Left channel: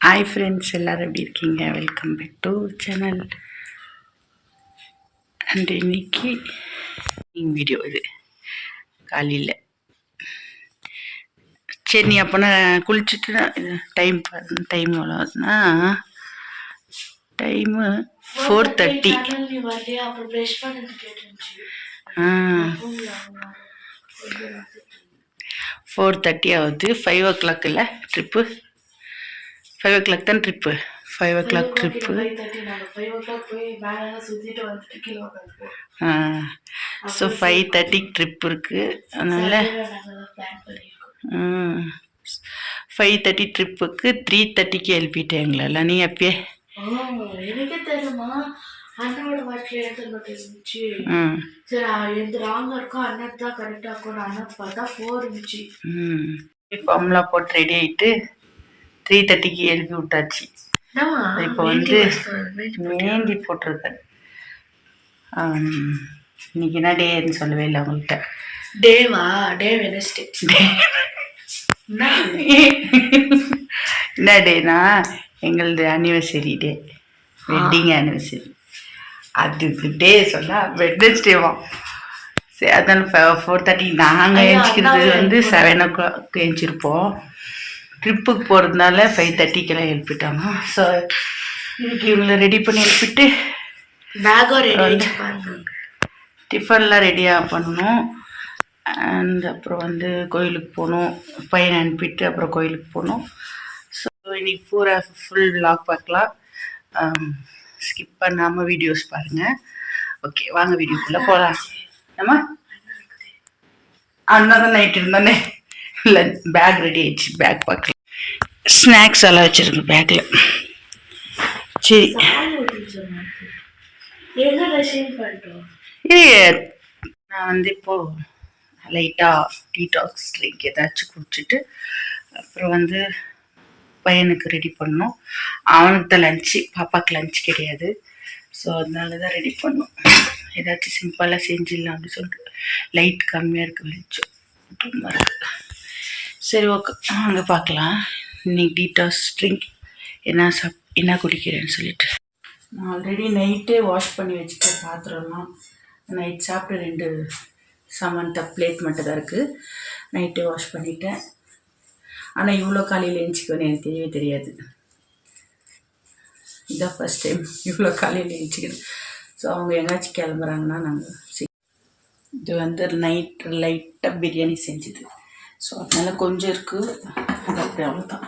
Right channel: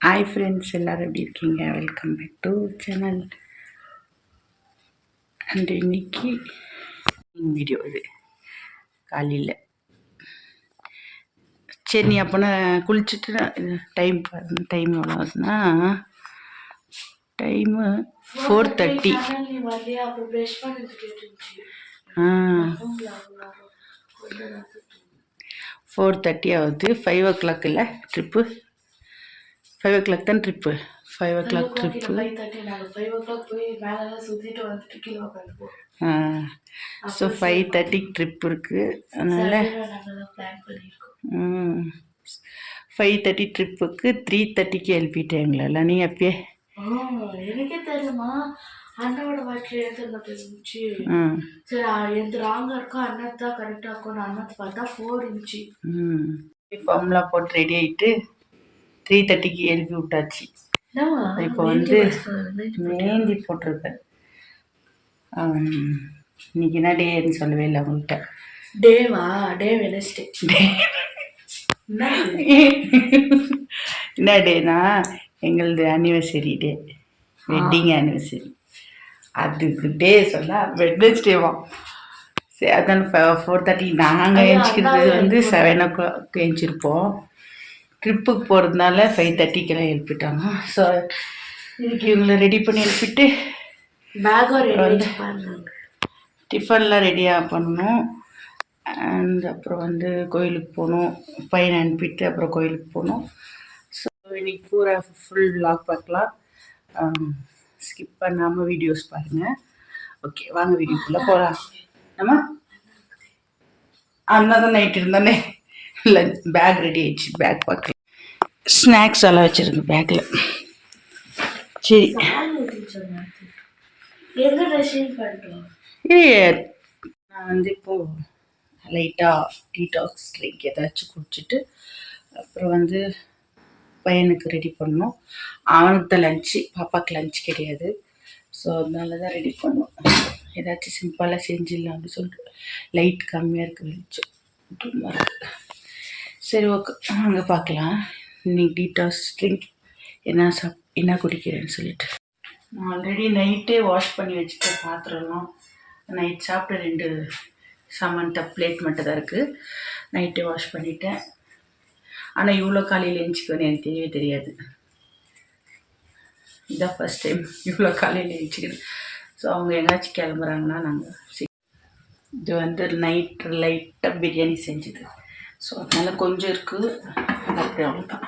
Hi friends எல்லோரும் எப்படி இருக்கீங்க? Welcome back to channel and இன்னைக்கு வீடியோ இது. காலையில். சரி நீ அப்போனா குளிச்சுட்டு டைம் டைம் எவ்வளோ ஆகுதுன்னா டைமு ஃபோர் தேர்ட்டி ஆ. ஃபோர் தேர்ட்டி ஆகுது. ஃபைவ் ஓ கிளாக் இல்லை ட்ரிப்பு ஃபைவ் ஓ கிளாக் தான் trip five o'clock trip so five தேர்ட்டிக்கு ட்ரிப் இருக்குது அதனால் ஃபைவ் தேர்ட்டி ட்ரிப்புக்கு த்ரீ தேர்ட்டிக்கு எழுப்பிட்டேன் எங்களெல்லாம் நீ அப்பயே எனக்கே தெரியுமா? அண்ணாவோட வாட்டில் எடுத்துருந்த இருந்துச்சு ம் சரி எந்த ராங்கா இருக்கோ அண்ணன் தான் கரெக்டாக இருக்கும் அண்ணன் பார்த்தா ஃபோர் இருந்துச்சு. ம். ஃபார்ம்லாம் போட்டு ரெடி ஆகிட்டு த்ரீ தேர்ட்டிக்கு எழுப்பி விட்டாச்சு. இப்போ வந்து மேந்தி போட்டிருக்கேன். இன்னைக்கு என்ன டேன்னு சொல்லவே இல்லை உங்கள்கிட்ட. டேவா? Day Wednesday. என்ன என்ன டேனா? எங்களது அனிவர்சரி டே. வெட்டிங் அனிவர்சரி அதுக்கு டே சொன்னால் வெட்னஸ்டேவா சரி அதனால ஃபோர் தேர்ட்டி நாங்கள் அதான் வந்து செவன் ஓ கிளாக் எழுந்திருப்போம் ட்ரிப்புக்கு போகிறதுனால ஃபைவ் தேர்ட்டிக்கெல்லாம் எழுப்பிட்டாங்க ஸோ இன்னைக்கு இவங்களை ரெடி பண்ணி எழுப்பிட்டு பேகும் ரெடி டிஃபன்லாம் ரெடியாக பண்ணணும். அண்ட் அப்புறம் வந்து கோயிலுக்கு போகணும். பையனை அனுப்பிட்டு அப்புறம் கோயிலுக்கு போகணும். ஸோ இன்னைக்கு பூரா ஃபுல் vlog பார்க்கலாம். ஸ்கிப் பண்ணாமல் வீடியோஸ் பாருங்கள் ஓகே வாங்க வீடியோக்குள்ளே போகலாம் நம்ம? அண்ணா தான் நைட் இருந்தானே. லஞ்ச் பேக் ரெடி ஆயிடுச்சு பேக் பார்க்கல ஸ்நாக்ஸ் எல்லாம் வச்சுருக்கு பேக்கில் சரி. இல்லையே நான் வந்து இப்போது லைட்டாக டீடாக்ஸ் ட்ரிங்க் ஏதாச்சும் குடிச்சிட்டு அப்புறம் வந்து பையனுக்கு ரெடி பண்ணோம் அவனுக்கு தான் லஞ்சு பாப்பாவுக்கு லஞ்ச் கிடையாது. ஸோ அதனால தான் ரெடி பண்ணோம். ஏதாச்சும் சிம்பிளாக செஞ்சிடலாம் அப்படின்னு சொல்லிட்டு. லைட் கம்மியாக இருக்குது வெளிச்சம். ரொம்ப இருக்குது சரி ஓகே அங்கே பார்க்கலாம் இன்னைக்கு டீட்டாஸ் ட்ரிங்க் என்ன சாப் என்ன குடிக்கிறேன்னு சொல்லிட்டு. நான் ஆல்ரெடி நைட்டே வாஷ் பண்ணி வச்சுட்டு பாத்திரம்லாம். நைட் சாப்பிட்டு ரெண்டு சாமான் பிளேட் மட்டும் தான் இருக்குது நைட்டே வாஷ் பண்ணிட்டேன். ஆனால் இவ்வளோ காலையில் எழுச்சிக்கணும்னு எனக்கு தெரியவே தெரியாது. இதான் ஃபஸ்ட் டைம் இவ்வளோ காலையில் எழுச்சிக்கணும் ஸோ அவங்க எங்கேயாச்சும் கிளம்புறாங்கன்னா நாங்கள் இது வந்து நைட் லைட்டாக பிரியாணி செஞ்சுது. ஸோ அதனால் கொஞ்சம் இருக்குது அது அப்படி அவ்வளோதான்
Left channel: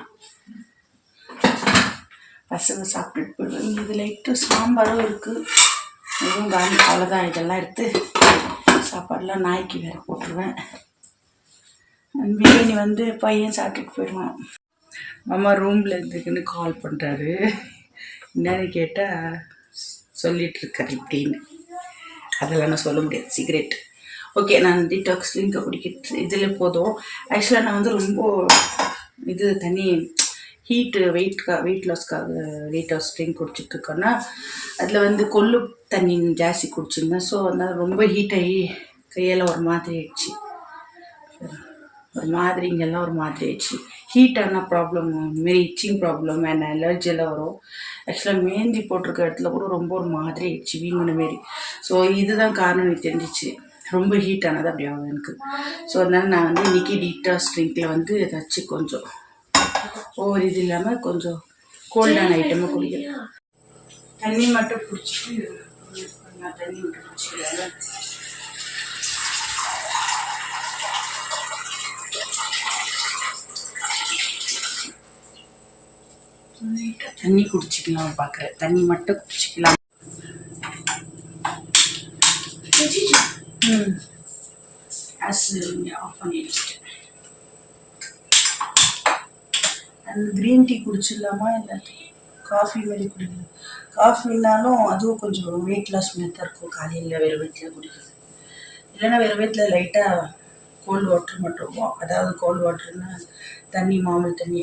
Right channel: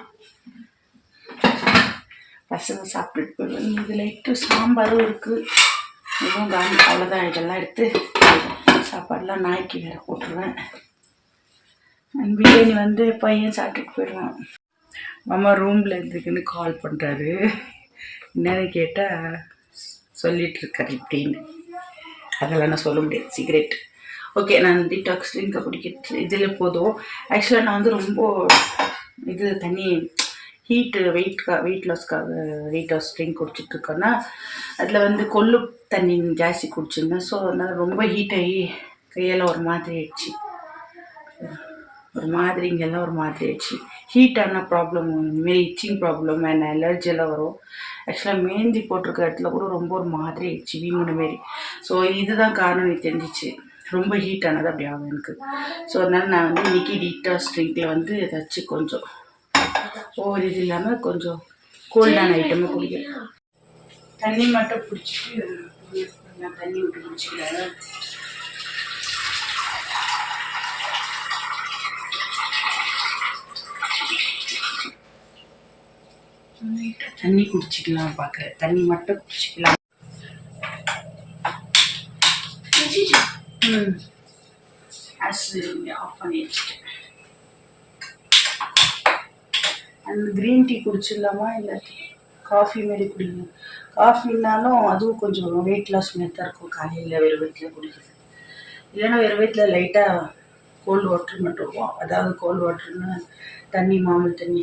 பசங்க சாப்பிட்டுட்டு போயிடுவாங்க. இது லைட்டு சாம்பாரும் இருக்குது இதுவும் காந்தி அவ்வளோதான் இதெல்லாம் எடுத்து சாப்பாடெலாம் நாய்க்கு வேறு போட்டுருவேன். பிரியாணி வந்து பையன் சாப்பிட்டுட்டு போயிடுவான். மாமா ரூமில் இருந்துக்குன்னு கால் பண்ணுறாரு என்னன்னு கேட்டால் சொல்லிகிட்ருக்காரு இப்படின்னு. அதெல்லாம் நான் சொல்ல முடியாது. சிகரெட் ஓகே நான் டீடாக்ஸ் ட்ரிங்கை குடிக்கிறது இதில் போதும். ஆக்சுவலாக நான் வந்து ரொம்ப இது தண்ணி ஹீட்டு வெயிட்கா வெயிட் லாஸ்க்காக வெயிட் லாஸ் ட்ரிங்க் குடிச்சிட்ருக்கோன்னா அதில் வந்து கொள்ளு தண்ணி ஜாஸ்தி குடிச்சிருந்தேன். ஸோ அதனால் ரொம்ப ஹீட் ஆகி கையெல்லாம் ஒரு மாதிரி ஆயிடுச்சு. ஒரு மாதிரி இங்கெல்லாம் ஒரு மாதிரி ஆயிடுச்சு. ஹீட்டான ப்ராப்ளம் இதுமாரி இச்சிங் ப்ராப்ளம் அண்ட் அலர்ஜி எல்லாம் வரும். ஆக்சுவலாக மேந்தி போட்டிருக்க இடத்துல கூட ரொம்ப ஒரு மாதிரி ஆயிடுச்சு வீங்கின மாரி. ஸோ இதுதான் காரணம் எனக்கு தெரிஞ்சிச்சு. ரொம்ப ஹீட் ஆனது அப்படி ஆகும் எனக்கு. ஸோ அதனால் நான் வந்து இன்றைக்கி டீட்டாஸ் ட்ரிங்கில் வந்து ஏதாச்சும் கொஞ்சம் ஒவ்வொரு இது இல்லாமல் கொஞ்சம் கோல்டான ஐட்டமாக குடிக்கிறேன். தண்ணி மட்டும் பிடிச்சிட்டு நான் தண்ணி மட்டும் குடிச்சிக்கிறேன். தண்ணி குடிச்சிக்கலாம் பார்க்குறேன் தண்ணி மட்டும் குடிச்சிக்கலாம். ம் கேஸ் ஆஃப் பண்ணி வச்சுட்டேன் அந்த க்ரீன் டீ குடிச்சிடலாமா இல்லை காஃபி மாரி குடிக்கணும்? காஃபினாலும் அதுவும் கொஞ்சம் வெயிட் லாஸ் மாரி தான் இருக்கும். காலையில் வேறு வயிற்றில் குடிக்கிறது. இல்லைன்னா வேறு வயிற்றில் லைட்டாக கோல்டு வாட்டர் மட்டும் இருக்கும் அதாவது கோல்டு வாட்டர்னா தண்ணி மாமூல் தண்ணி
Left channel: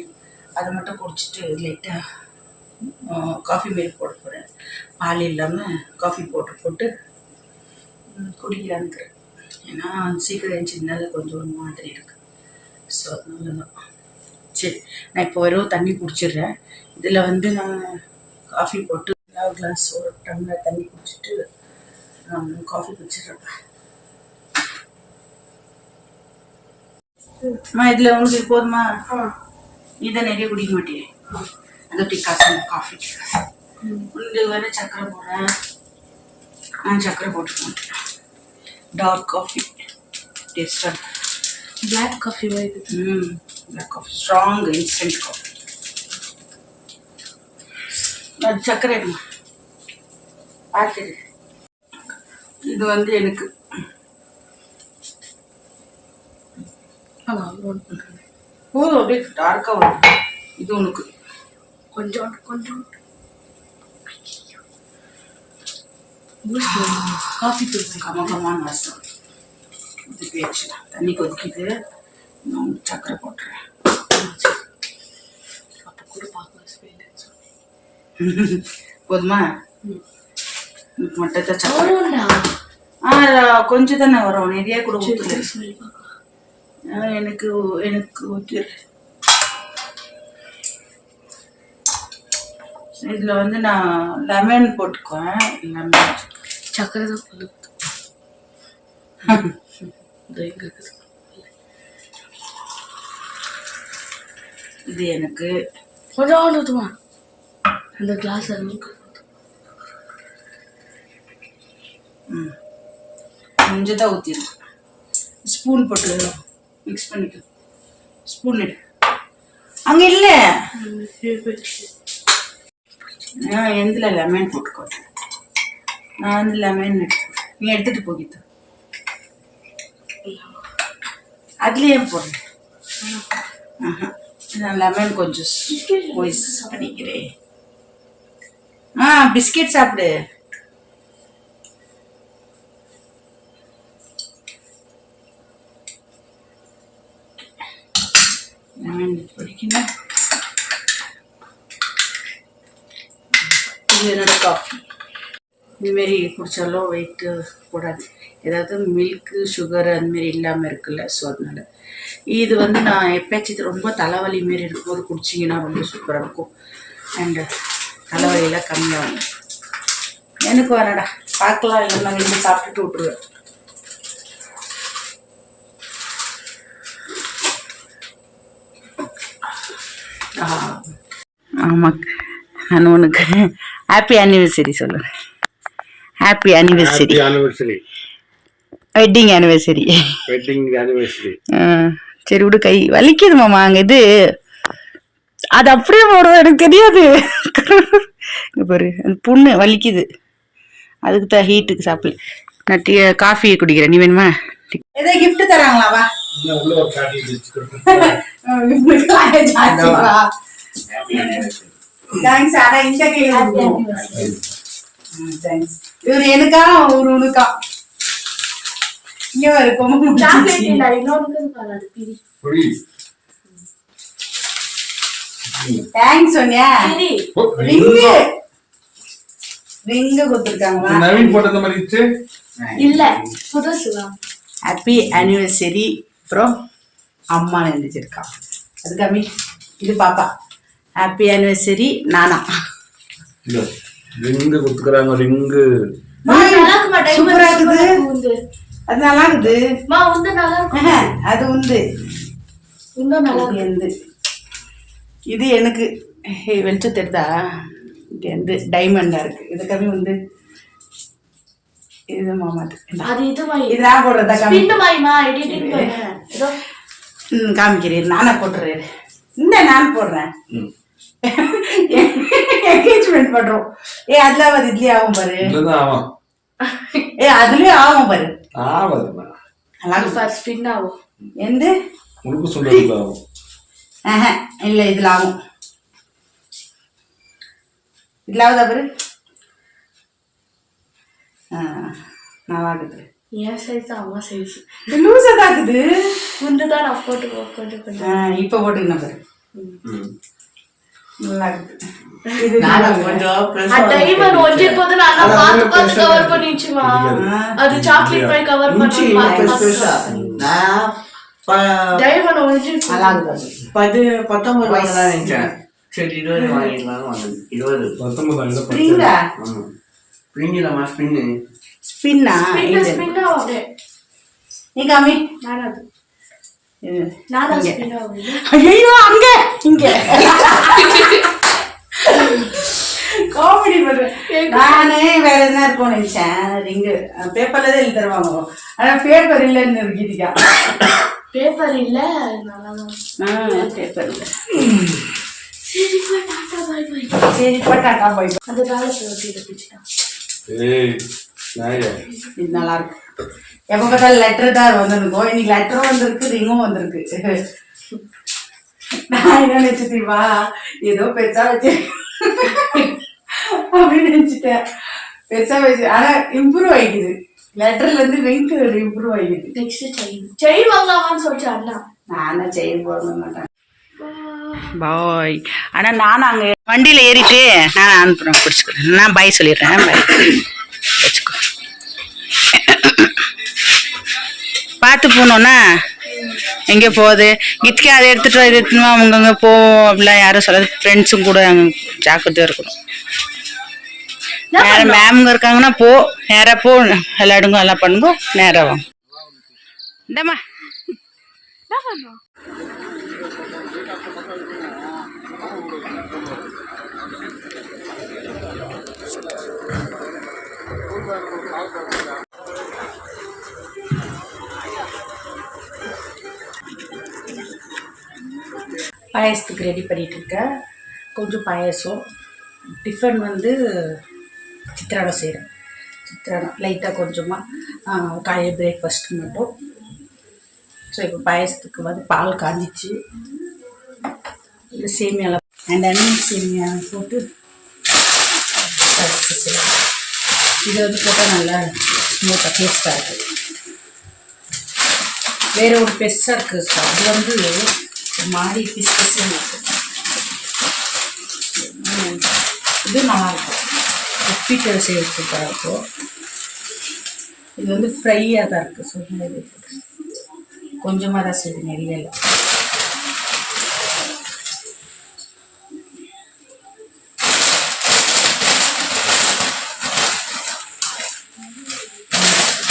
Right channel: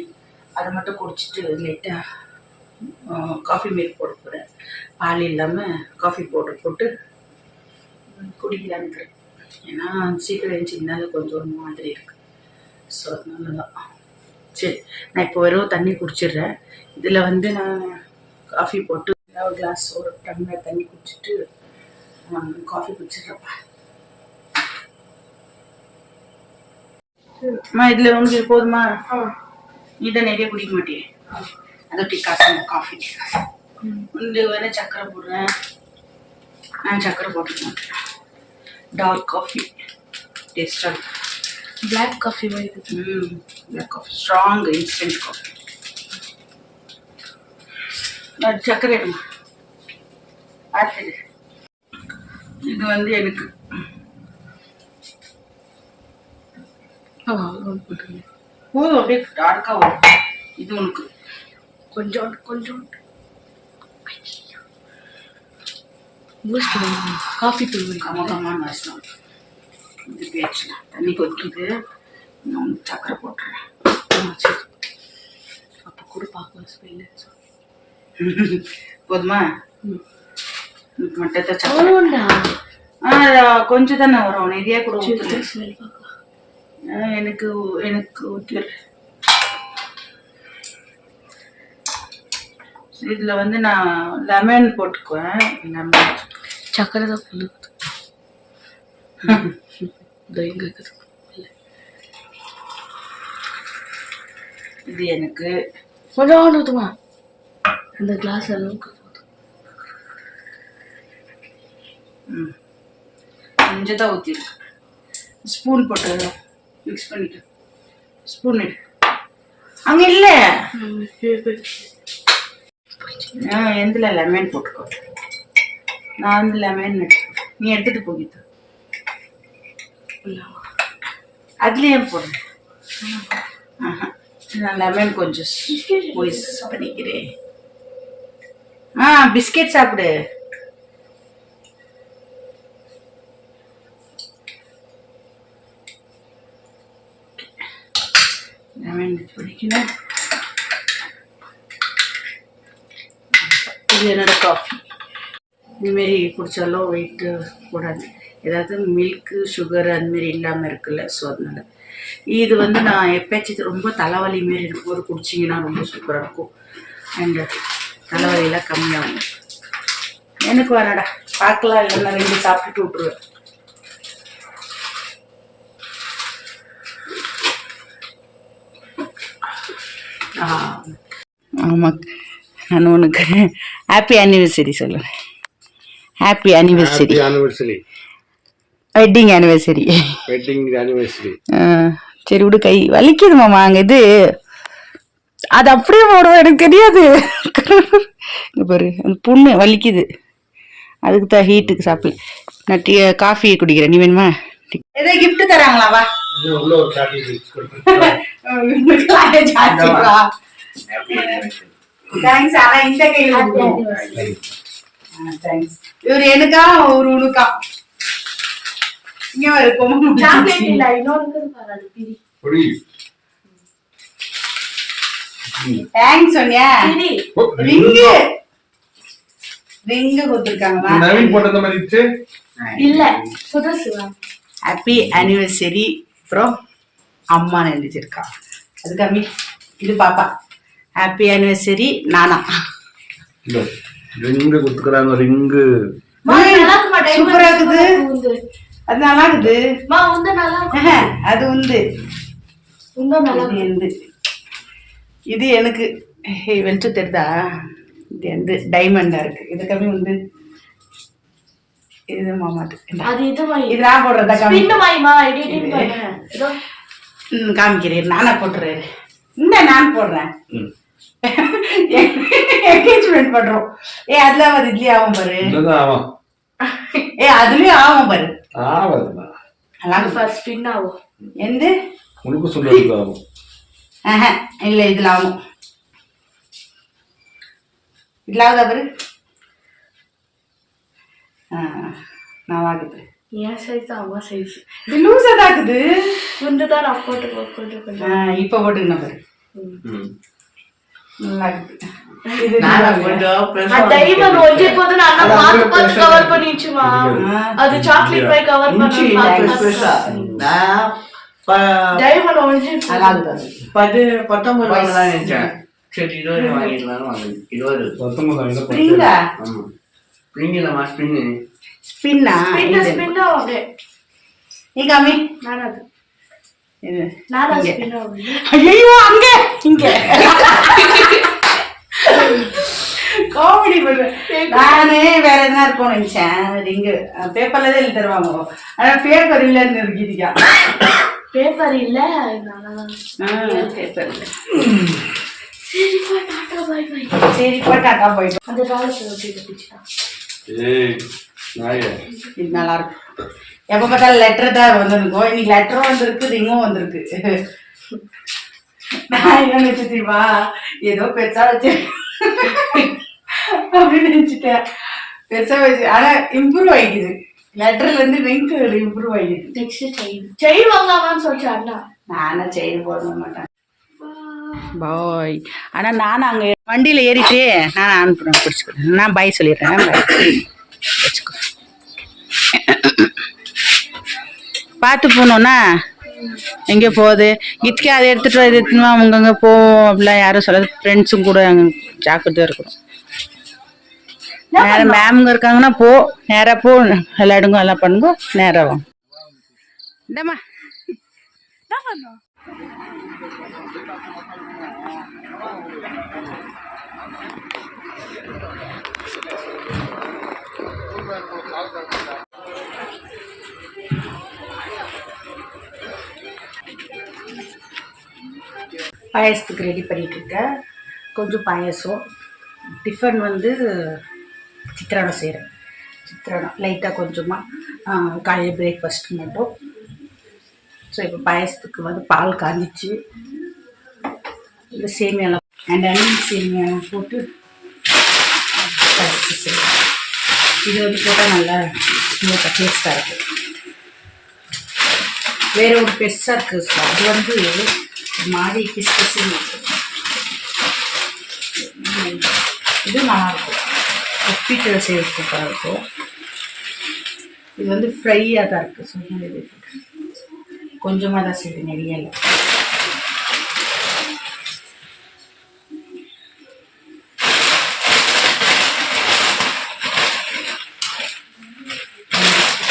அதை மட்டும் குடிச்சிட்டு லைட்டாக காஃபி மாரி போட போகிறேன் பால் இல்லாமல் காஃபி பவுடர் போட்டு குடிக்கலான்னு இருக்கிறேன். ஏன்னா சீக்கிரம் எழுந்திரினால கொஞ்சம் ஒரு மாதிரி இருக்குது ஸோ அதனால தான் சரி நான் இப்போ வெறும் தண்ணி குடிச்சிடுறேன். இதில் வந்து நான் காஃபி போட்டு ஒரு கிளாஸ் ஒரு டம்ளர் தண்ணி குடிச்சிட்டு காஃபி குடிச்சிடுறப்பா அம்மா இதில் வந்து போதுமா? நீ தான் நிறைய குடிக்க மாட்டேன் அது டீ காசு காஃபி உங்களுக்கு வேறு சக்கரை போடுறேன். நான் சக்கரை போட்டுக்க மாட்டேன். டார்க் காஃபி டேஸ்டாக இருக்கும் பிளாக் காஃபி வருது ம் black coffee strong instant coffee அது சர்க்கரை எடுமா? இது வந்து எனக்கு. போதும் அப்படியே. டார்க்காக வரும். இது உனக்கு. கொஞ்சம் கொஞ்சம் காஃபி தூள் கம கமான வாசம் இது பேச்சுலாம் தண்ணி கொதிக்குது நான் சர்க்கரை போட்டுறேன் அப்போ கூட பார்க்கலாம். ஸ்மெல்லு போதுமா மட்டும் ஆமாண்டா ஆ கொஞ்சம் தானே வரும் நிறைய கூட எனக்கு எனக்கு ஊற்றிடு இதில் வந்து நான் லெமன் போட்டுக்குவேன். லெமன் சக்கரை தான் கொண்டு இதோ எனக்கு. கொஞ்சம் ஊற்றுமா அந்த கிளாஸ் அளவுக்கு ம். கொஞ்சம் தான் ஊற்றிருக்கு ஸ்பூன் போட்டு மிக்ஸ் பண்ணிக்க. ஸ்பூன் எடு அங்கே இல்லை. லெமன் போட்டுக்கோ. நான் வந்து லெமன் எடுத்து நீ எடுத்துகிட்டு போகித்து அதுலேயே போடுறேன். நான் லெமன் கொஞ்சம் பண்ணிக்கிறேன். ஆ பிஸ்கெட் சாப்பிடு. லெமன் பிடிக்கணும் இது என்னோட காஃபி இதுமாரி குடித்தாலும் வெயிட்டு கூடாது. ஏதாவது மில்க்கு சுகர் அந்தமாரி இல்லாமல் இருக்குல்ல ஸோ அதனால. இது வந்து நான் எப்பயாச்சும் ரொம்ப தலைவலி மாரி இருக்கும்போது குடிச்சிங்கன்னா ரொம்ப சூப்பராக இருக்கும். அண்டு தலைவலியெல்லாம் கம்மியாகும். எனக்கு வேணாடா பார்க்கலாம் இல்லைன்னா ரெண்டு சாப்பிட்டுட்டு விட்ருவேன் ஆமாம் நான் உனக்கு ஹாப்பி ஆனிவர்சரி சொல்லுறேன் happy anniversary anniversary wedding anniversary wedding anniversary சரி விடு கை வலிக்குது மாமா அங்கே இது. அது அப்படியே போடுவோம் எனக்கு தெரியாது. இங்க பாரு அந்த புண்ணு வலிக்குது. அதுக்கு தான் ஹீட்டுக்கு சாப்பிடல. நான் டீ காஃபி குடிக்கிறேன். நீ வேணுமா? ஏதோ gift தராங்களா வா. உள்ள ஒரு கொடுப்பேன் தேங்க்ஸ் ஆனா இந்த கையில தேங்க்ஸ் இவர் எனக்கா ஒரு உனக்கா? இங்க வரு பொம்மை சாக்லேட் இல்ல புரி தேங்க்ஸ் சோனியா. ரிங்கு. ரிங்கு. கொடுத்துருக்காங்கம்மா நவீன் போட்டது மாதிரி இல்ல புதுசுவா ஹாப்பி ஆனிவர்சரி அப்புறம் அம்மா எழுதிச்சிருக்கா அது கம்மி இது பாப்பா. ஹாப்பி ஆனிவர்சரி நானா ரிங்கு கொடுத்துக்கிறாங்க ரிங்கு. சூப்பரா இருக்குது. அது நல்லா இருக்குது அது உண்டு. உந்து நல்லா இது எந்து இது எனக்கு வெளிச்சம் தெரியுதா இது வந்து டைமண்டா இருக்கு. இது கம்மி வந்து இது மாமாது. அது இது இது நான் போடுறதா காமிக்கிறேன். நானா போட்டுறேன். இந்த நான் போடுறேன். ம். என்கேஜ்மெண்ட் பண்றோம். ஏ அதுல ஆகாது இதுலயே ஆகும் பாரு. ஏ அதுலயும் ஆகும் பாரு. ஆகாதுமா. இருக்கும். ஃபர்ஸ்ட் ஸ்பின் ஆகும். எந்த? உனக்கு சொல்றது ஆகும். இல்ல இதுல ஆகும். இதுல ஆகுதா பாரு? ஆ, நல்லா இருக்குது என் சைஸ் அம்மா சைஸ் இது லூஸா தான் இருக்குது உந்து தான் நான் போட்டு கொஞ்சம் கொஞ்சம். இப்ப போட்டுக்கணும் பாரு. டைமண்ட் ஒஞ்சி போது நான் பார்த்து பார்த்து கவர் பண்ணிச்சுமா அது சாக்லேட் பை கவர் பண்ண டைமண்ட் இருக்காது பத்து பத்தொன்பது வாங்கலாம் நினைச்சேன். சரி இருபது வாங்கிடலாம் வாங்க இருபது. பத்தொன்பதாயிரம் ஸ்ப்ரிங்கா ஸ்பின்னா. ஸ்பின்ன? ஸ்பின்னா அப்படியே. நீ காமி. நான் அது இது. நான் தான் ஸ்பின்னா அப்படியே ஐயோ அங்க. இங்க. காமெடி பண்ணுவேன். நானே வேற எதுனா இருக்கும் நினைச்சேன். ரிங்கு பேப்பர்ல தான் எழுதி தருவாங்க. ஆனா பேப்பர் இல்லைன்னு கீதிக்கா பேப்பர் இல்ல நல்லா தான். பேப்பர் இல்லை. சரி போய் டாட்டா பாய் பாய். சரி போட்டாக்கா போய் அந்த காலத்துல வச்சு கட்டிச்சுட்டான் ஏய் நாயா இது நல்லா இருக்கும் எப்போ பார்த்தாலும் லெட்டர் தான் வந்திருக்கும். இன்னைக்கு லெட்டரும் வந்திருக்கு ரிங்கும் வந்திருக்கு. நான் என்ன நினைச்சு தெரியுமா? ஏதோ பெருசா வச்சு அப்படின்னு நினைச்சிட்டேன். பெருசா வச்சு ஆனா இம்ப்ரூவ் ஆகிக்குது லெட்டர்ல இருந்து ரிங்க் இம்ப்ரூவ் ஆகிக்குது நெக்ஸ்ட் செயின் செயின் வாங்கலாமான்னு சொல்லிச்சு அண்ணா. நானும் செயின் போட மாட்டேன். பாய். ஆனால் நானும் அங்கே வண்டியில் ஏறிட்டு நான் அனுப்புகிறேன் பிடிச்சிக்கிறேன் நான் பாய் சொல்லிடுறேன். பாய் பார்த்து போனோன்னா எங்கே போகுது? கிட்கே அதை எடுத்துகிட்டு வா, இது எடுத்துன்னு வா, அங்கங்கே போவோம் அப்படிலாம் யாரும் சொல்லாது. ஃப்ரெண்ட்ஸும் கூட ஜாக்கிரதையாக இருக்கணும். நேரம் மேம்ங்க இருக்காங்கன்னா போ நேராக போ விளையாடுங்க எல்லாம் பண்ணுங்க நேராக வாங்க இந்தம்மா. பாயசத்துக்கு ரெடி பண்ணிகிட்ருக்கேன் இருக்கேன் கொஞ்சம் பாயசம். டிஃபன் வந்து சித்திராடம் செய்கிறேன் சித்திராடம் லைட்டாக கொஞ்சமாக காலையில் பிரேக்ஃபாஸ்ட்டுக்கு மட்டும். ஸோ இப்போ பாயசத்துக்கு வந்து பால் காஞ்சிச்சு. இந்த சேமியாலாம் அண்ட் அண்ணன் சேமியா போட்டு இது வந்து போட்டால் நல்லா ஸ்மூத்தாக டேஸ்ட்டாக இருக்குது வேறு ஒரு பெருசாக இருக்குது சார். அது வந்து மாதிரி பிசு பிசுன்னு இருக்கு. இது நல்லாயிருக்கும். உப்பிட்டு செய்ய சூப்பராக இருக்கும் இது வந்து ஃப்ரையாக தான் இருக்குது சொன்னது கொஞ்சமாக தான் செய்யுது நிறைய இல்லை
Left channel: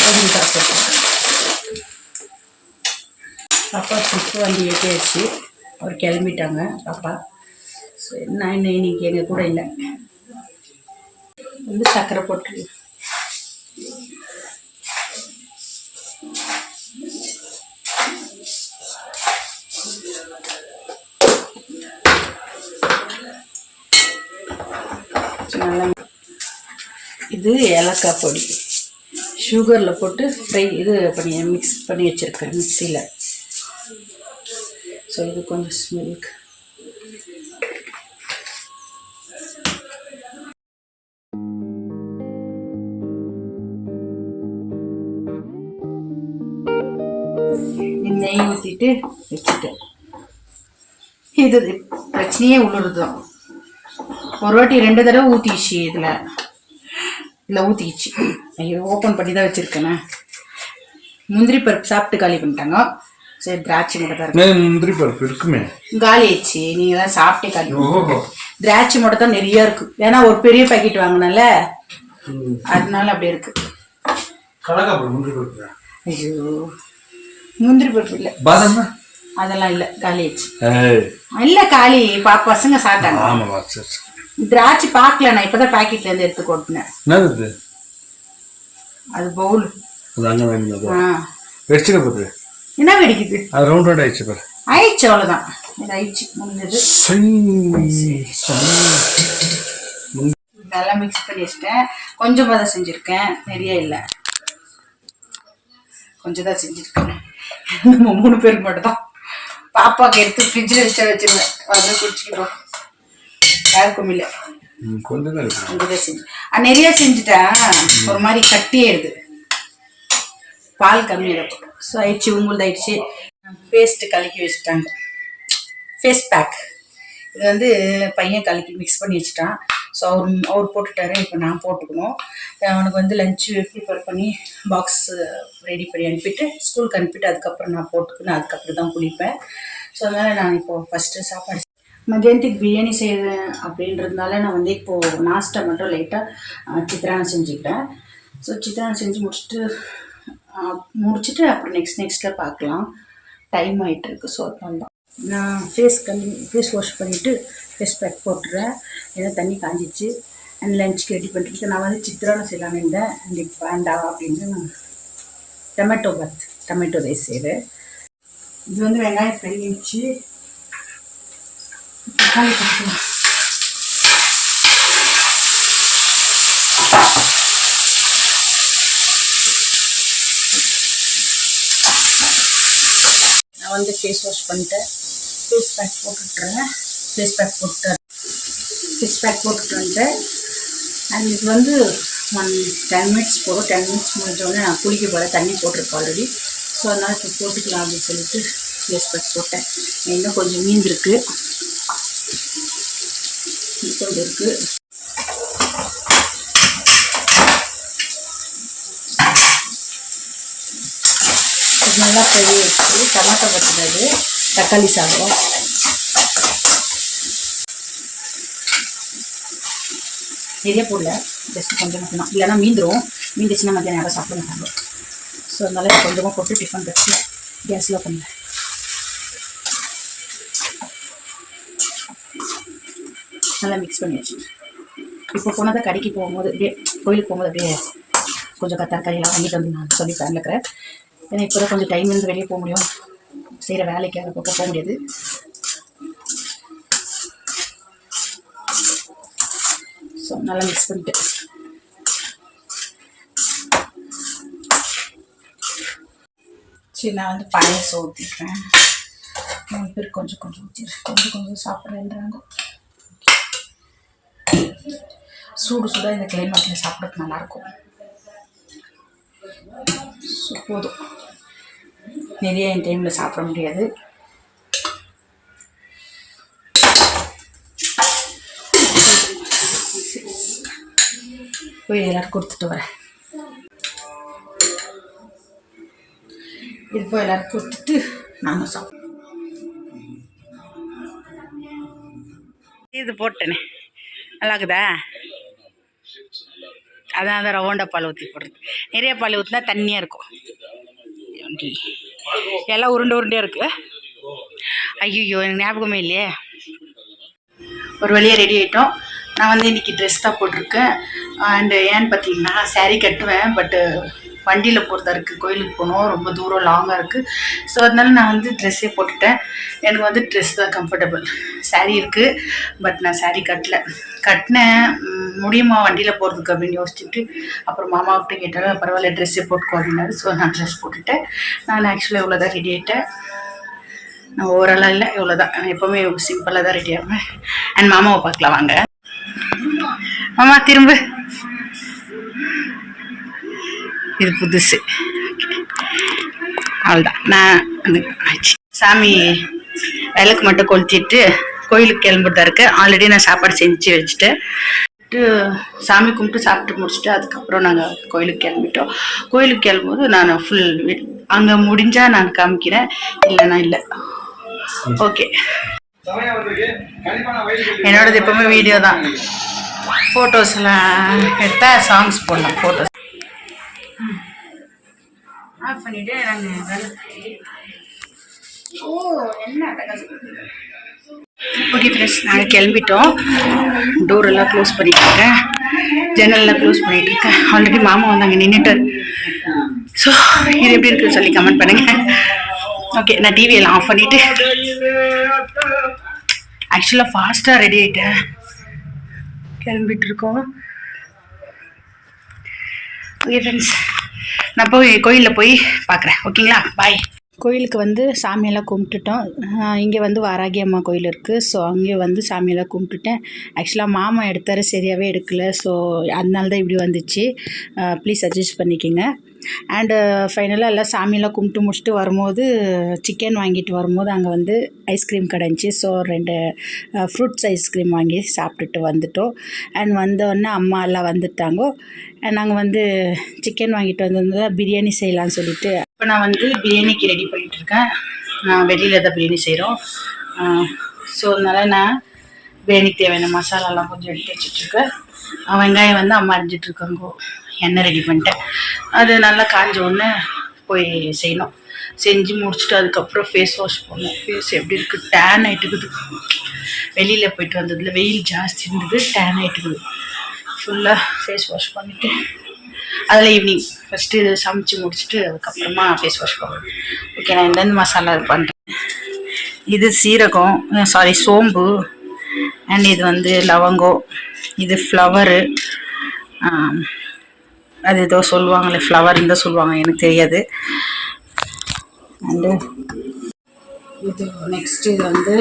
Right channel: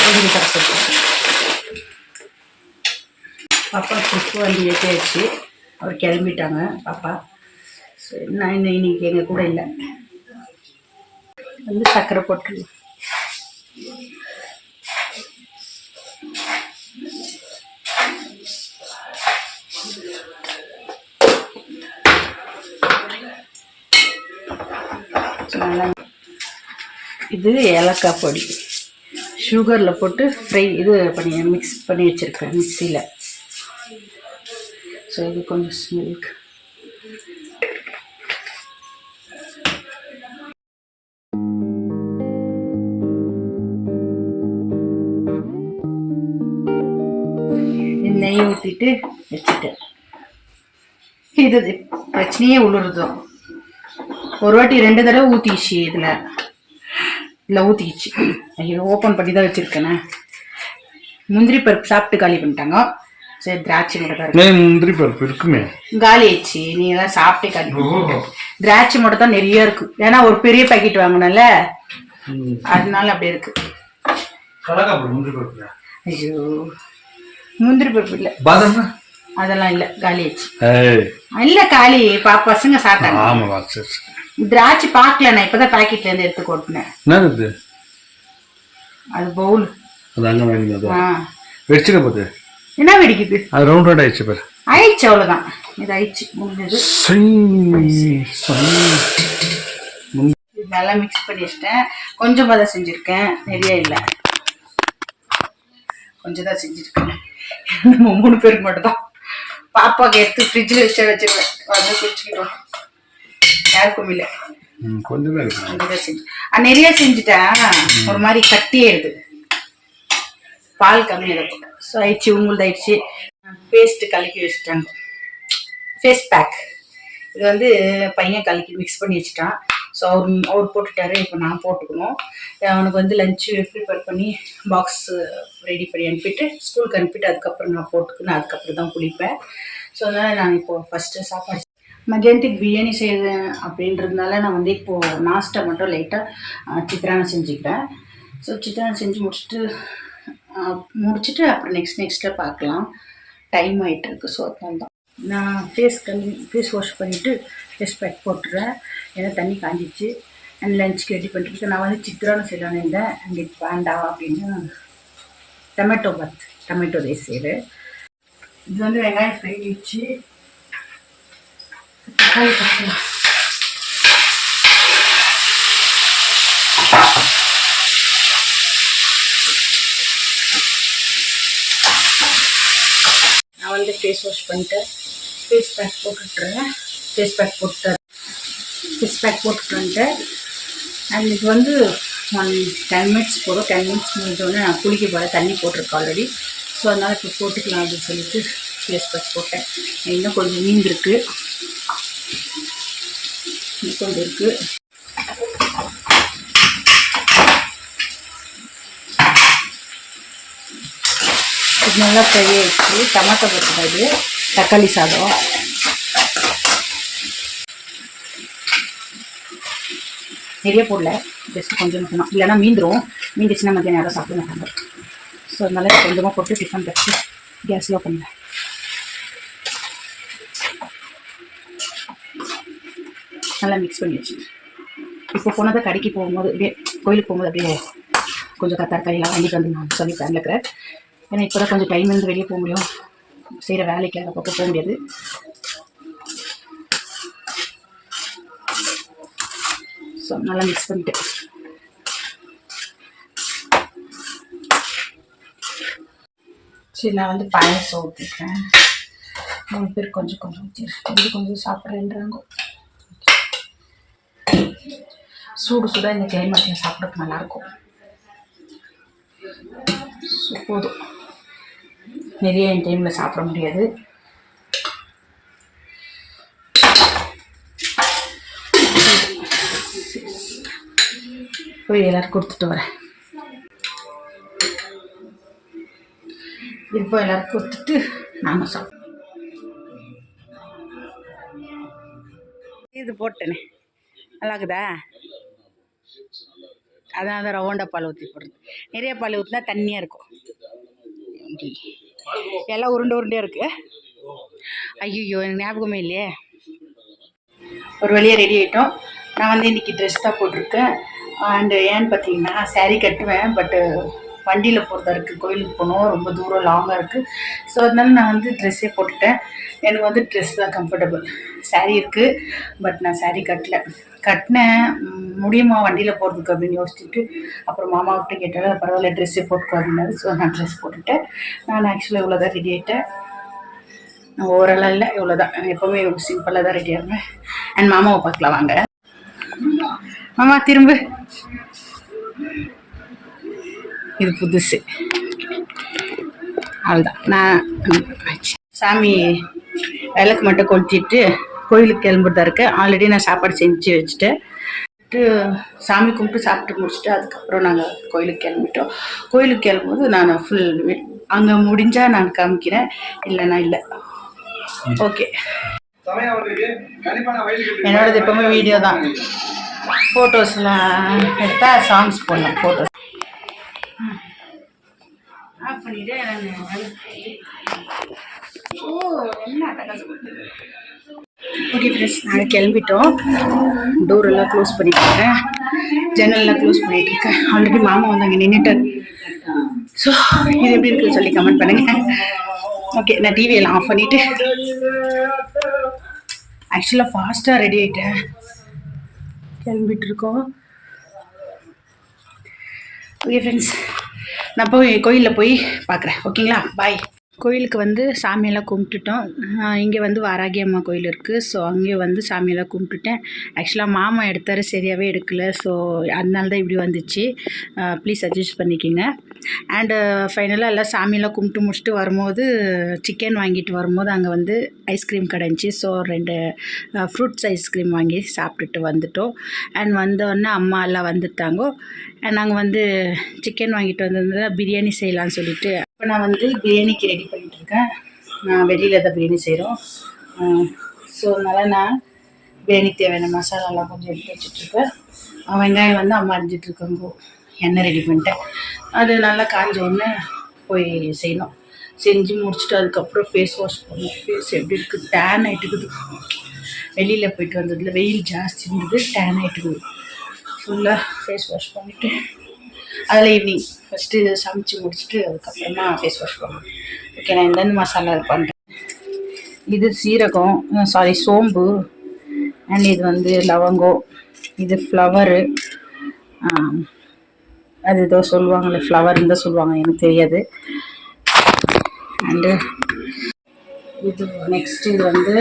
கொஞ்சம் தரப்பு பாப்பா ட்ரிப்பு வண்டி ஏற்றியாச்சு அவர் கிளம்பிட்டாங்க பாப்பா. ஸோ நான் இன்னும் இன்னைக்கு எங்கள் கூட இல்லை. வந்து சக்கரை போட்டு நல்லா இது ஏலக்காய் பொடி. சுகரில் போட்டு ஃப்ரை இது பண்ணி மிக்ஸ் பண்ணி வச்சுருக்கேன் மிக்சியில் ஸோ இது கொஞ்சம் ஸ்மெல்க்கு நெய் ஊற்றிட்டு வச்சுட்டேன். இது பிரச்சனையே உள்ளுறதும் ஒரு வாட்டி ரெண்டு தடவை ஊற்றிச்சு இதில். இதில் ஊற்றிக்கிச்சு ஐயோ ஓப்பன் பண்ணி தான் வச்சுருக்கேனே. முந்திரி பருப்பு சாப்பிட்டு காலி பண்ணிட்டாங்க. சரி திராட்சை மட்டும் தான் இருக்கு முந்திரி பருப்பு இருக்குமே. காலி ஆயிடுச்சு. நீங்கள் தான் சாப்பிட்டே காலி. ஓஹோ. திராட்சை மட்டும் தான் நிறைய இருக்கு. ஏன்னா ஒரு பெரிய பாக்கெட் வாங்கினல அதனால அப்படியே இருக்கு. கலக்காப்படு முந்திரி பருப்பு ஐயோ. முந்திரி பருப்பு இல்லை. பாதாம் அதெல்லாம் இல்லை. காலி ஆயிடுச்சு. ஏய். இல்லை காலி. பா பசங்க சாப்பிட்டாங்க. திராட்சை பார்க்கல நான் இப்போதான் பாக்கெட்ல இருந்து எடுத்து கொட்டினேன். அது பவுல் அது அங்கே வாங்கினது. ஆ. வச்சுக்க போது என்ன வெடிக்குது? அது ரவுண்ட் ரவுண்ட் ஆயிடுச்சு பாரு. ஆயிடுச்சு அவ்வளோதான் இது ஆயிடுச்சு முடிஞ்சது. நல்லா மிக்ஸ் பண்ணி வச்சிட்டேன். கொஞ்சமாக தான் செஞ்சுருக்கேன். நிறைய இல்லை. கொஞ்சம் தான் செஞ்சுருக்கேன். நம்ம மூணு பேருக்கு மட்டும் தான் பாப்பாக்கு எடுத்து ஃப்ரிட்ஜில் வச்சுட்டு வச்சிருவேன். வந்து குடிச்சுக்கிட்டோம் யாருக்கும் இல்லை. நிறைய செஞ்சுட்டேன். ஒரு மாதிரி கட்டியாயிடுது பால் கம்மியாக போட்டேன் ஸோ ஆயிடுச்சு உங்களுக்கு ஆயிடுச்சு. பேஸ்ட்டு கலக்கி வச்சுட்டாங்க. ஃபேஸ் பேக் இது வந்து பையன் கலக்கி மிக்ஸ் பண்ணி வச்சுட்டான். ஸோ அவர் அவர் போட்டுட்டாரு. இப்போ நான் போட்டுக்கணும். அவனுக்கு வந்து லஞ்சு ப்ரிப்பேர் பண்ணி பாக்ஸ் ரெடி பண்ணி அனுப்பிட்டு ஸ்கூலுக்கு அனுப்பிட்டு அதுக்கப்புறம் நான் போட்டுக்கணும் அதுக்கப்புறம் தான் குளிப்பேன். ஸோ அதனால் நான் இப்போது ஃபஸ்ட்டு சாப்பாடு மதியானத்துக்கு பிரியாணி செய்கிறேன் அப்படின்றதுனால நான் வந்து இப்போது நாஸ்ட்டை மட்டும் லைட்டாக சித்ரானம் செஞ்சுக்கிறேன். ஸோ சித்ரானம் செஞ்சு முடிச்சுட்டு முடிச்சுட்டு அப்புறம் நெக்ஸ்ட் நெக்ஸ்ட்டில் பார்க்கலாம். டைம் ஆகிட்டுருக்கு ஸோ அதனால தான் நான் ஃபேஸ் கழுவி ஃபேஸ் வாஷ் பண்ணிவிட்டு ஃபேஸ் பேக் போட்டுறேன். ஏன்னா தண்ணி காஞ்சிச்சு அண்ட் லஞ்சுக்கு ரெடி பண்ணிட்டு நான் வந்து சித்திரான செய்யலான்னு இருந்தேன். அண்ட் இப்போ வேண்டாம் அப்படின்னு. டொமேட்டோ பாத் டொமேட்டோ ரைஸ் செய்கிறேன் இது வந்து வெங்காயம் ஃப்ரை வச்சு தக்காளி பார்க்கலாம் நான் வந்து ஃபேஸ் வாஷ் பண்ணிட்டு ஃபேஸ் பேக் போட்டுட்டுறேன் ஃபேஸ் பேக் போட்டு ஃபேஸ் பேக் போட்டுட்டு வந்துட்டேன் அண்ட் இது வந்து ஒன் டென் மினிட்ஸ் போதும். டென் மினிட்ஸ் முடிஞ்சோடனே நான் குளிக்க போகிறேன் தண்ணி போட்டிருக்கேன் ஆல்ரெடி ஸோ அதனால் இப்போ போட்டுக்கலாம் அப்படின்னு சொல்லிட்டு ஃபேஸ் பேக் போட்டேன். இன்னும் கொஞ்சம் மீந்திருக்கு இன்னும் கொஞ்சம் இருக்குது நல்லா பெரிய வச்சு டமாட்டோ பத்துறது தக்காளி சாதம். நிறைய போடல. ஜஸ்ட் கொஞ்சம் மட்டும்தான் இல்லைனா மீந்துடும் மீந்துச்சுன்னா மத்தியானம் யாரும் சாப்பிட மாட்டாங்க. ஸோ அதனால கொஞ்சமாக போட்டு டிஃபன் வச்சு கேஸில் பண்ணுறேன் நல்லா மிக்ஸ் பண்ணி வச்சு இப்போ போனதை கடைக்கு போகும்போது அப்படியே கோயிலுக்கு போகும்போது அப்படியே கொஞ்சம் க- தரக்காரியெல்லாம் வாங்கிட்டு வந்து நான் சொல்லி பிளான் இருக்கிறேன் ஏன்னா இப்போ தான் கொஞ்சம் டைம் இருந்து வெளியே போக முடியும். செய்கிற வேலைக்கு அதை பக்கம் போக முடியாது. ஸோ நல்லா மிக்ஸ் பண்ணிட்டு. சரி நான் வந்து பாயசம் ஊற்றிக்கிறேன் மூணு பேர் கொஞ்சம் கொஞ்சம் ஊற்றிடுறேன் கொஞ்சம் கொஞ்சம் சாப்பிட்றேன்றாங்க. சூடு சூடாக இந்த கிளைமேட்டில் சாப்பிட்றதுக்கு நல்லாயிருக்கும் ஸோ போதும். நிறைய என் டைமில் சாப்பிட முடியாது. போய் எல்லோரும் கொடுத்துட்டு வரேன். இது போய் எல்லாரும் கொடுத்துட்டு நானும் சாப்பிடுவோம். இது போட்டேனே. நல்லா இருக்குதா அதான் அந்த ரவுண்டா பால் ஊற்றி போடுறது. நிறைய பால் ஊற்றினா தண்ணியாக இருக்கும். இப்படி. எல்லாம் உருண்டை உருண்டையாக இருக்கு. ஐயோ எனக்கு ஞாபகமே இல்லையே. ஒரு வழியாக ரெடி ஆகிட்டோம் நான் வந்து இன்றைக்கி ட்ரெஸ் தான் போட்டிருக்கேன். அண்டு ஏன்னு பார்த்தீங்கன்னா சேரீ கட்டுவேன் பட்டு வண்டியில் போகிறதா இருக்குது கோயிலுக்கு போகணும். ரொம்ப தூரம் லாங்காக இருக்குது ஸோ அதனால நான் வந்து ட்ரெஸ்ஸே போட்டுட்டேன். எனக்கு வந்து ட்ரெஸ் தான் கம்ஃபர்டபுள் saree இருக்குது பட் நான் saree கட்டல. கட்டினேன். முடியுமா? வண்டியில் போகிறதுக்கு அப்படின்னு யோசிச்சுட்டு அப்புறம் மாமாவிட்ட கேட்டாலும் பரவாயில்ல ட்ரெஸ்ஸே போட்டுக்கோ அப்படின்னாரு. ஸோ நான் ட்ரெஸ் போட்டுட்டேன். நான் ஆக்சுவலாக இவ்வளோ தான் ரெடி ஆகிட்டேன் நான் ஓவராலாக இல்லை இவ்வளோ தான் நான் எப்போவுமே சிம்பிளாக தான் ரெடி ஆகுவேன் அண்ட் மாமாவை பார்க்கலாம் வாங்க. மாமா திரும்ப. இது புதுசு. அவ்வளோதான் நான் ஆச்சு. சாமி விளக்கு மட்டும் கொளுத்திட்டு கோயிலுக்கு கிளம்புறதா இருக்கு. ஆல்ரெடி நான் சாப்பாடு செஞ்சு வச்சுட்டேன் சாமி கும்பிட்டு சாப்பிட்டு முடிச்சுட்டு அதுக்கப்புறம் நாங்கள் கோயிலுக்கு கிளம்பிட்டோம். கோயிலுக்கு கிளம்பும்போது நான் ஃபுல் அங்கே முடிஞ்சால் நான் காமிக்கிறேன். இல்லைன்னா இல்லை. ஓகே என்னோடது எப்பவுமே வீடியோ தான். ஃபோட்டோஸ்லாம் எடுத்தால் சாங்ஸ் போடலாம் ஃபோட்டோஸ் ஆஃப் பண்ணிவிட்டு நாங்கள் ஓ என்ன ஓகே ஃப்ரெண்ட்ஸ் நாங்கள் கிளம்பிட்டோம். டோர் எல்லாம் க்ளோஸ் பண்ணிட்டுருக்கேன் ஜன்னல்லாம் க்ளோஸ் பண்ணிட்டுருக்கேன் ஆல்ரெடி மாமா வந்தாங்க நின்றுட்டார் ஸோ இது எப்படி இருக்குன்னு சொல்லி கமெண்ட் பண்ணுங்கள் ஓகே நான் டிவியெல்லாம் ஆஃப் பண்ணிவிட்டு ஆக்சுவலாக ஃபாஸ்ட்டாக ரெடி ஆகிட்டேன் கிளம்பிட்டுருக்கோம் ஓகே ஃப்ரெண்ட்ஸ் நான் போய் கோயிலில் போய் பார்க்குறேன் ஓகேங்களா பாய் கோயிலுக்கு வந்து சாமியெல்லாம் கும்பிட்டுட்டோம். இங்கே வந்து வாராகி அம்மா கோயில் இருக்குது ஸோ அங்கே வந்து சாமியெல்லாம் கும்பிட்டுட்டேன். ஆக்சுவலாக மாமா எடுத்தார சரியாகவே எடுக்கலை. ஸோ அதனால தான் இப்படி வந்துச்சு. ப்ளீஸ் அட்ஜஸ்ட் பண்ணிக்கோங்க. அண்டு ஃபைனலாக எல்லாம் சாமியெல்லாம் கும்பிட்டு முடிச்சுட்டு வரும்போது சிக்கன் வாங்கிட்டு வரும்போது அங்கே வந்து ஐஸ்கிரீம் கடை ஸோ ரெண்டு ஃப்ரூட்ஸ் ஐஸ்கிரீம் வாங்கி சாப்பிட்டுட்டு வந்துட்டோம். அண்ட் வந்தோடனே அம்மா எல்லாம் வந்துட்டாங்கோ. நாங்கள் வந்து சிக்கன் வாங்கிட்டு வந்திருந்ததால் பிரியாணி செய்யலாம்னு சொல்லிட்டு இப்போ நான் வந்து பிரியாணிக்கு ரெடி பண்ணிகிட்ருக்கேன் வெளியில் தான் பிரியாணி செய்கிறோம் ஸோ அதனால் நான் பிரியாணிக்கு தேவையான மசாலாலாம் கொஞ்சம் எடுத்து வச்சுட்ருக்கேன் வெங்காயம் வந்து அம்மா அரிஞ்சிட்ருக்காங்க எண்ணெய் ரெடி பண்ணிட்டேன். அது நல்லா காஞ்ச உடனே போய் செய்யணும். செஞ்சு முடிச்சுட்டு அதுக்கப்புறம் ஃபேஸ் வாஷ் பண்ணணும். ஃபேஸ் எப்படி இருக்குது டேன் ஆகிட்டுக்குது வெளியில் போயிட்டு வந்ததில் வெயில் ஜாஸ்தி இருந்தது. டேன் ஆகிட்டுக்குது ஃபுல்லாக ஃபேஸ் வாஷ் பண்ணிவிட்டு அதில் ஈவினிங் ஃபஸ்ட்டு இது சமைச்சு முடிச்சுட்டு அதுக்கப்புறமா ஃபேஸ் வாஷ் பண்ணணும் ஓகே நான் எந்தெந்த மசாலா இது பண்ணுறேன் இது சீரகம் சாரி சோம்பு அண்ட் இது வந்து லவங்கம் இது ஃப்ளவரு அது ஏதோ சொல்லுவாங்களே ஃப்ளவர்னு தான் சொல்லுவாங்க எனக்கு தெரியாது. அண்டு இது நெக்ஸ்ட் இது வந்து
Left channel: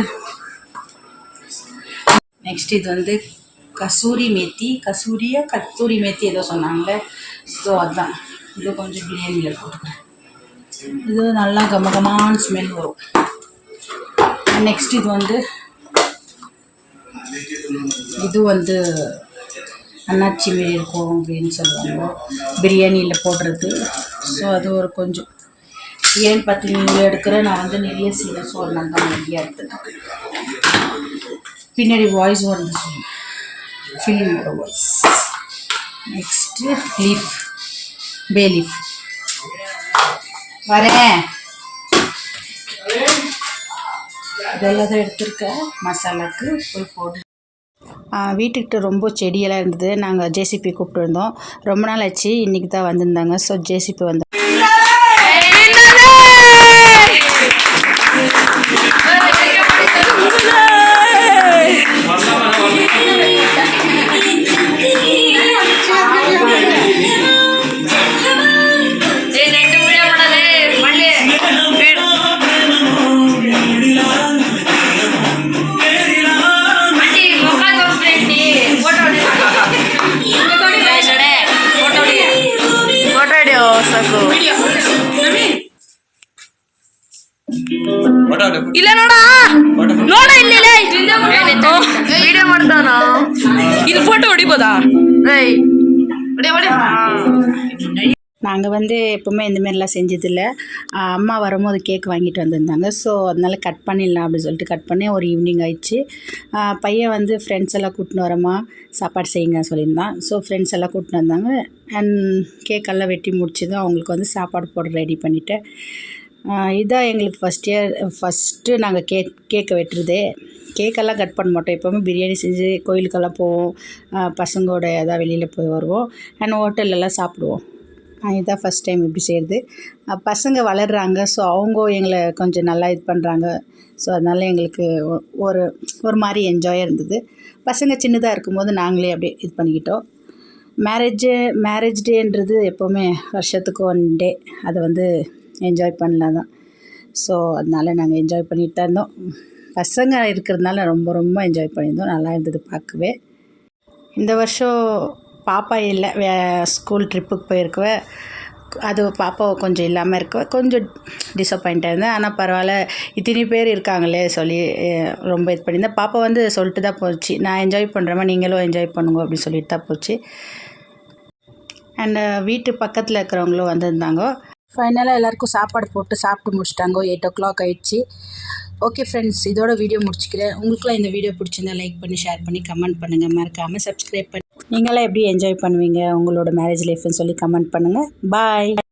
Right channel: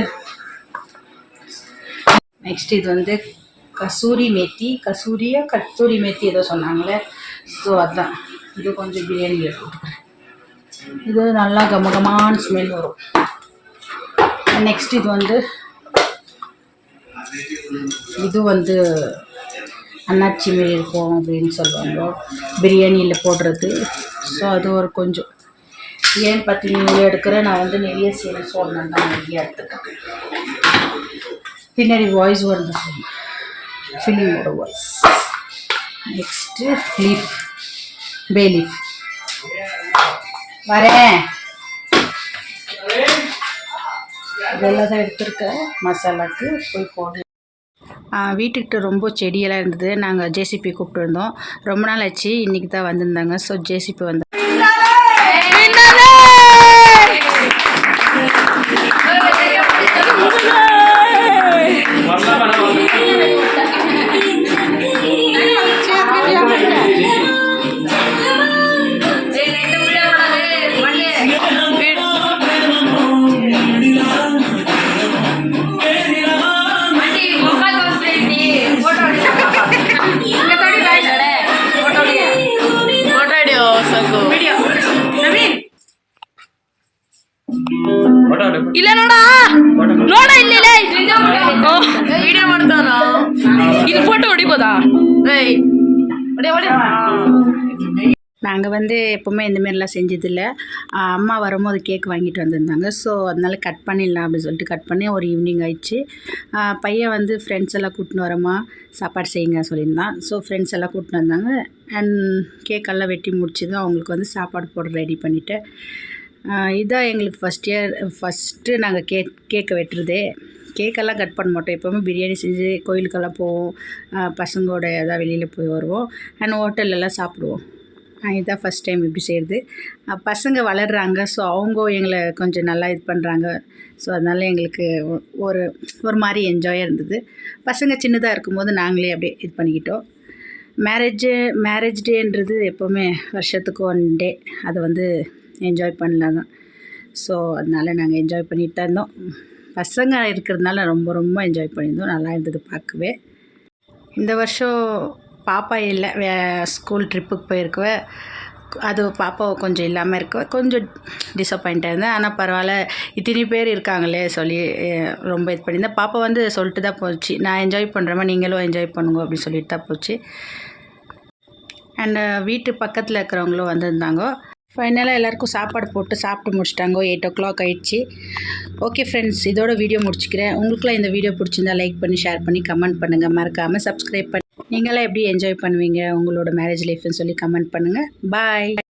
நெக்ஸ்ட் இது வந்து கசூரி மேத்தி கசூரியா கத்தூரி மேத்தி ஏதோ சொன்னாங்களே. ஸோ அதுதான் இது கொஞ்சம் பிரியாணியில் போட்டுக்கிறேன். இது நல்லா கமகமான ஸ்மெல் வரும். நெக்ஸ்ட் இது வந்து இது வந்து அன்னாச்சி மாரி இருக்கும் அப்படின்னு சொல்லுவாங்க. பிரியாணியில் போடுறது. ஸோ அது ஒரு கொஞ்சம். ஏன்னு பார்த்தீங்கன்னா எடுக்கிறேன் நான் வந்து நிறைய செய்யணும் ஸோ அதனால தான் நிறைய எடுத்துக்கிறேன் பின்னாடி வாய்ஸ் வருது சொல்லுங்கள் ஃபிலிமோட வாய்ஸ் நெக்ஸ்ட்டு லீஃப் பே லீஃப் வரேன். இதெல்லாம் தான் எடுத்திருக்கேன். மசாலாக்கு போய் போடு. வீட்டுக்கிட்ட ரொம்ப செடியெல்லாம் இருந்தது. நாங்கள் ஜேசிபி கூப்பிட்டு இருந்தோம் ரொம்ப நாள் ஆச்சு. இன்றைக்கி தான் வந்திருந்தாங்க. ஸோ ஜேசிபி வந்து நாங்கள் வந்து எப்போவுமே இந்தமாரிலாம் செஞ்சதில்லை. அம்மா வரும்போது கேக் வாங்கிட்டு வந்திருந்தாங்க. ஸோ அதனால் கட் பண்ணிடலாம் அப்படின்னு சொல்லிட்டு கட் பண்ணி ஒரு ஈவினிங் ஆயிடுச்சு. பையன் வந்து ஃப்ரெண்ட்ஸ் எல்லாம் கூட்டின்னு வரமா சாப்பாடு செய்யுங்க சொல்லியிருந்தான். ஸோ ஃப்ரெண்ட்ஸ் எல்லாம் கூட்டின்னு வந்தாங்க. அண்ட் கேக்கெல்லாம் வெட்டி முடிச்சு அவங்களுக்கு வந்து சாப்பாடு போட ரெடி பண்ணிவிட்டேன் இதான் எங்களுக்கு ஃபஸ்ட் இயர் ஃபஸ்ட்டு நாங்கள் கேக் கேக்கை வெட்டுறதே. கேக்கெல்லாம் கட் பண்ண மாட்டோம். எப்போவுமே பிரியாணி செஞ்சு கோயிலுக்கெல்லாம் போவோம். பசங்களோட ஏதாவது வெளியில் போய் வருவோம். அண்ட் ஹோட்டல்லலாம் சாப்பிடுவோம். இதுதான் ஃபஸ்ட் டைம் இப்படி செய்கிறது பசங்க வளர்கிறாங்க ஸோ அவங்க எங்களை கொஞ்சம் நல்லா இது பண்ணுறாங்க ஸோ அதனால் எங்களுக்கு ஒ- ஒரு ஒரு மாதிரி என்ஜாயாக இருந்தது. பசங்க சின்னதாக இருக்கும்போது நாங்களே அப்படியே இது பண்ணிக்கிட்டோம். மேரேஜு மேரேஜ் டேன்றது எப்போவுமே வருஷத்துக்கு ஒன் டே அதை வந்து என்ஜாய் பண்ணலாம் தான் ஸோ அதனால நாங்கள் என்ஜாய் பண்ணிட்டு தான் இருந்தோம். பசங்க இருக்கிறதுனால ரொம்ப ரொம்ப என்ஜாய் பண்ணியிருந்தோம். நல்லா இருந்தது பார்க்கவே. இந்த வருஷம் பாப்பா இல்லை. வே ஸ்கூல் ட்ரிப்புக்கு போயிருக்குவ. அது பாப்பா கொஞ்சம் இல்லாமல் இருக்க கொஞ்சம் டிசப்பாயிண்ட்டாக இருந்தேன். ஆனால் பரவாயில்ல. இத்தனை பேர் இருக்காங்களே சொல்லி ரொம்ப இது பண்ணியிருந்தேன். பாப்பா வந்து சொல்லிட்டு தான் போச்சு. நான் என்ஜாய் பண்ணுறேம்மா நீங்களும் என்ஜாய் பண்ணுங்க அப்படின்னு சொல்லிட்டு தான் போச்சு. அண்ட் வீட்டு பக்கத்தில் இருக்கிறவங்களும் வந்திருந்தாங்க. ஃபைனலாக எல்லாருக்கும் சாப்பாடு போட்டு சாப்பிட்டு முடிச்சிட்டாங்க. எயிட் ஓ கிளாக் ஆயிடுச்சு. ஓகே ஃப்ரெண்ட்ஸ் இதோட வீடியோ முடிச்சுக்கிறேன். உங்களுக்குலாம் இந்த வீடியோ பிடிச்சிருந்தா லைக் பண்ணி ஷேர் பண்ணி கமெண்ட் பண்ணுங்கள் மறக்காமல் சப்ஸ்கிரைப் பண்ணி நீங்களாம் எப்படி என்ஜாய் பண்ணுவீங்க? உங்களோட மேரேஜ் லைஃப்னு சொல்லி கமெண்ட் பண்ணுங்கள் பாய்